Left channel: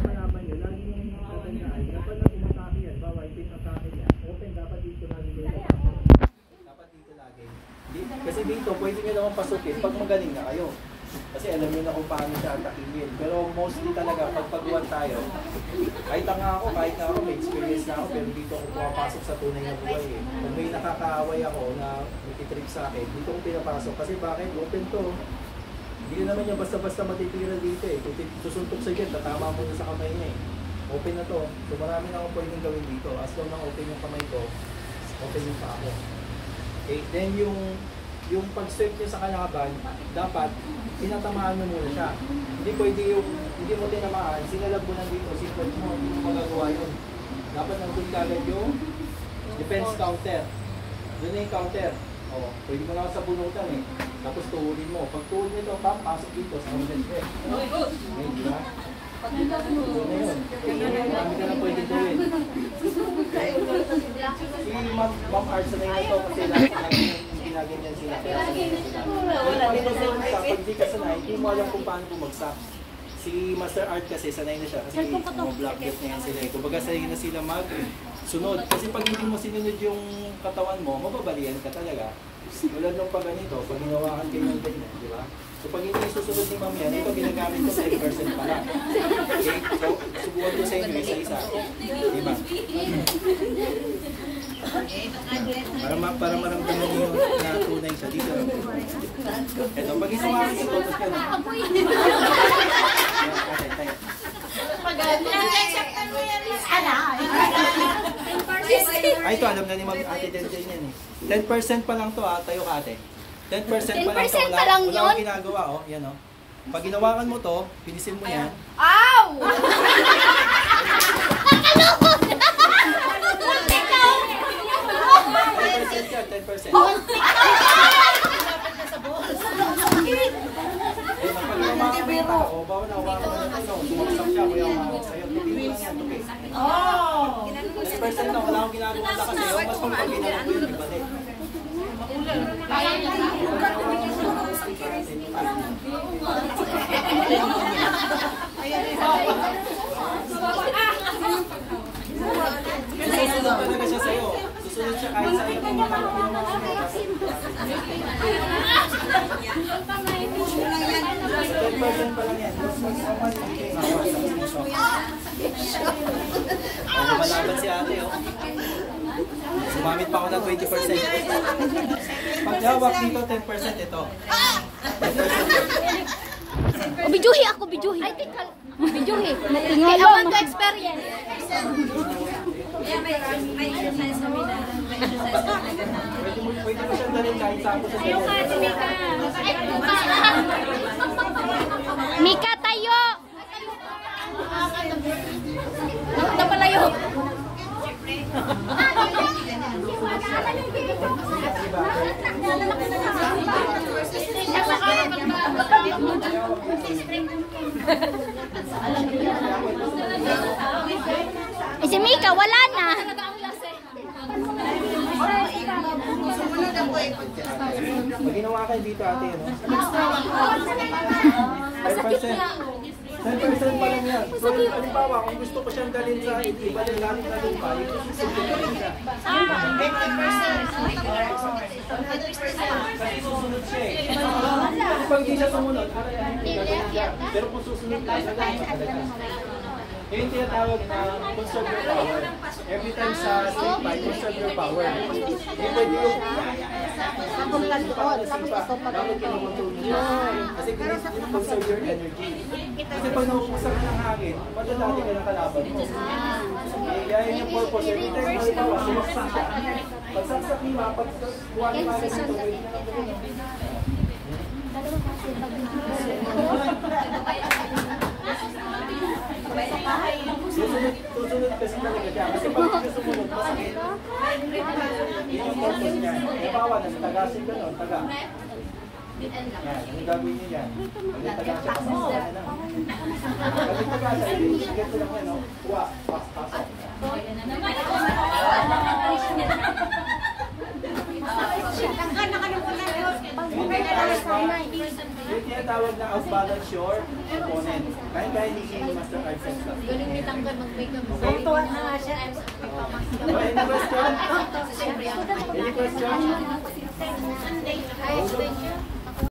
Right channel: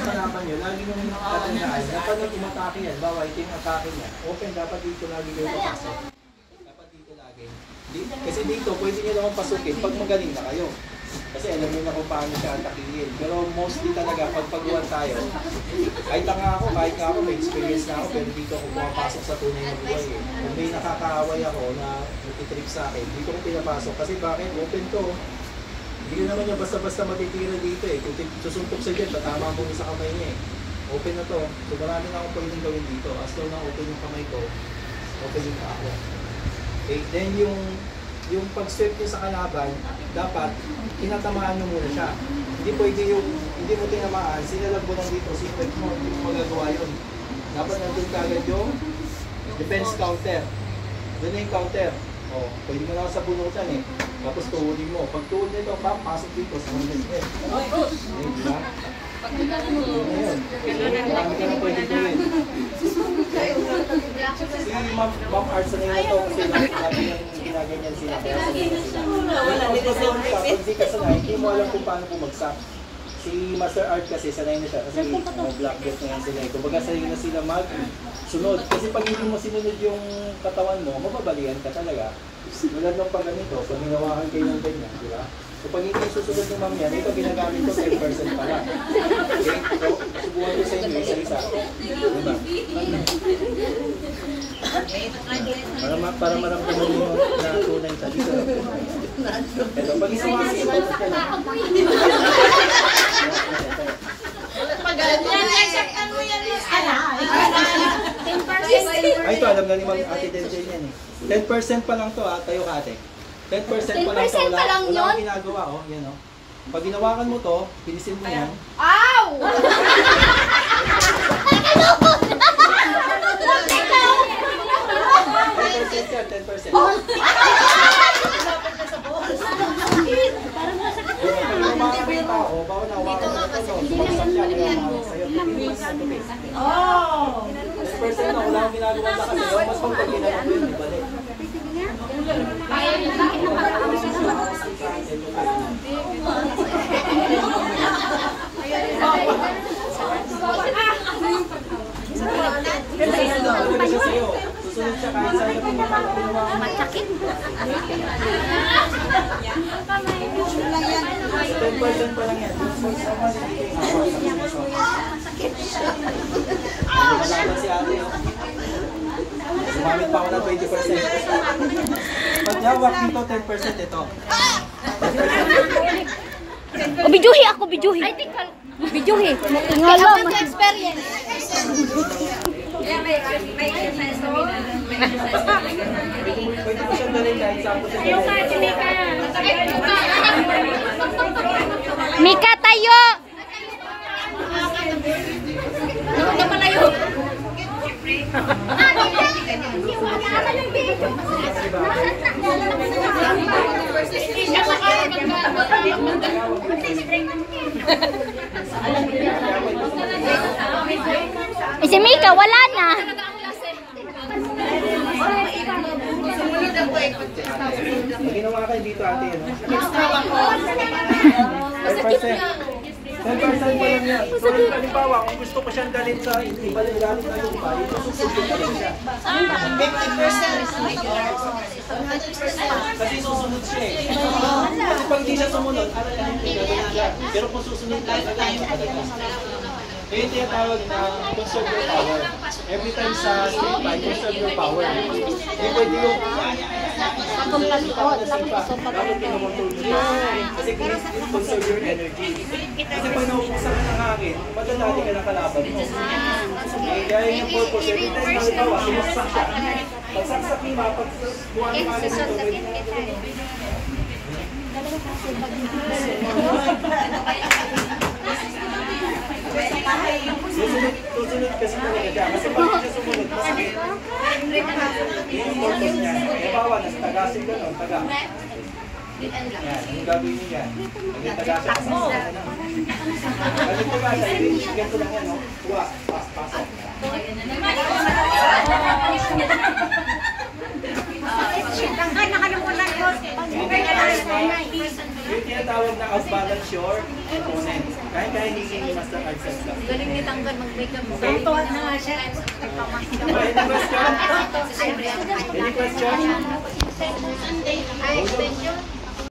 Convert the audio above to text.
yung hanapan nyo, lagi nyo tatandaan. Dapat nang umatake yan, bawa ito yung atake niya. Open, dapat dito lagi kayo papasok. Dapat dito lagi. Kasi dito, pwede nyo naman pasukin pag magaling na kayo. Kasi alam nyo na kung paano siya atakihin. Pero mostly talaga, pag pagbuwan tayo, kahit nga ako, may experience na ako, pero dito ako pumapasok sa tunay na buhay eh. Kung may nakakaaway ako na nagtitrip sa akin, dito ko pinapasok. Kasi bakit? Open to. Hindi ko naman niya basta-basta matitira dito eh. Kung susuntok sa dyan, tatama mo sa kamay niya eh. Open na to. So marami na akong pwedeng gawin dito. As long na open yung kamay ko, open yung pa ako. Okay, then yung pag-swipe niya sa kalaban, dapat tinatamaan mo muna siya. Hindi pwede hindi mo tinamaan, sinalag mo nandito, secret mo, hindi mo magagawa yun. Dapat nandun kagad yung defense counter. Doon na yung counter. O, pwede mo lang sa bunutan eh. Tapos tuhulin mo. Pag tuhul nito, pasok dito sa mga defense. Eh, di ba? Doon na yun. Marami ka na pwede gawin. Si Ma'am Arts na yun na to kasi lagi yung ginaganyan sila. Kaya sanay na sila. Pero pag pag-buwan ka, pag di ka sanay, hindi mo alam kung paano bumagsak. Si Master Art kasi sanay na siya kasi black belt na yan sila. Kumbaga sanay na sila mag-sunod. Kasi pag hindi mo sinunod yung katawan mo, mababalian ka talaga. Mulad nung pag ganito, pag ginawakan kayo ng ganyan, di ba? So pag hindi susunod ni Ma'am yan, ito ginagamit ko 10% pa lang. Okay? So, subukan ko sa inyo isa-isa. Diba? Para maramdaman nyo na tunay siya dito. Ito, pag isumakas ito, ito ka na. Ay, ito, alam na ni Ma'am Ate Denzel yan eh. 10% pa lang to ha, tayo ka ate. 10% pa lang to, wala akong ginagawa oh, yan oh. Pag ginawakan mo to, pinisin mo yan. Ow! 10% yan, 10%. Pag ginawakan mo yung tao, bawal na hawakan mo na ito, sumagsak siya, kaya umawak sa'yo. Tupin mo lang, tupin. 10% na, wala akong ginagawa sa kasi, mas pag ginawa ko yun, ibalik. Susunod siya kahit sa'yo kung matakapin mo ang matakit. 10% pa lang yan. Lumalaban si ate oh. Sumamit pa ako ng 20%. Pag nawak dito 10% ito. O, bidyuhi ako, bidyuhi. I think bidyuhi. Ngayon mo experience. Pwede mo siyang dalhin kahit saan mo siya dalhin. Mika, tayo! Napalayo! Si Mika, wala na! Pag ginawa kayo dito ate, ano? 10%. 10% pa lang yan. So, halimbawa, kung gusto ko siyang dalhin sa ibalik gamit na lupa, ito susunod ko rin siya. 50%. Kasi susunod siya eh. Kasi pag hindi siya sumunod, ano yung gagawin niya. Pero kung susunod ka, gagawin ka talaga. Yung tinatawag na conserve your power. Every time sa street fight, conserve your power. Hindi pwede yung kasi conserve your energy. Kasi pag naubuksan ka ng hangin, madadati ka ng kalaban mo. Kaya yun yung purpose. Every time na halimbawa, sumaksak siya. Pagsaksak ni Ma, pag buwan ni Mami nito, pwede na nagawin. Susunod kasi talaga siya. Kasi pag siya sumunod, masakit. Yun yung purpose niya. Halimbawa, nasa tagasin ka nun, taga. Yan, yung gagawin niyo yan. Pag taga siya, pasok na lang. Pag taga siya, ibigyan ko lang yan, no? Kuha, pasok. Yung tinatawag na off-balance your opponent. Kaya hindi si Master Arcel lang. Galing ni Tangkan mag-makeup. Okay? Tuwa na nga siya. Any question? Any question? Ay, extension.